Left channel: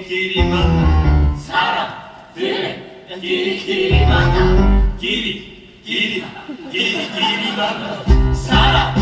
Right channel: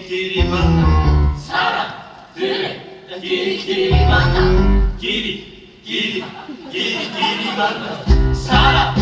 길이만 살아 그래 길이 길이만 길이 길이 길이 길이만 살아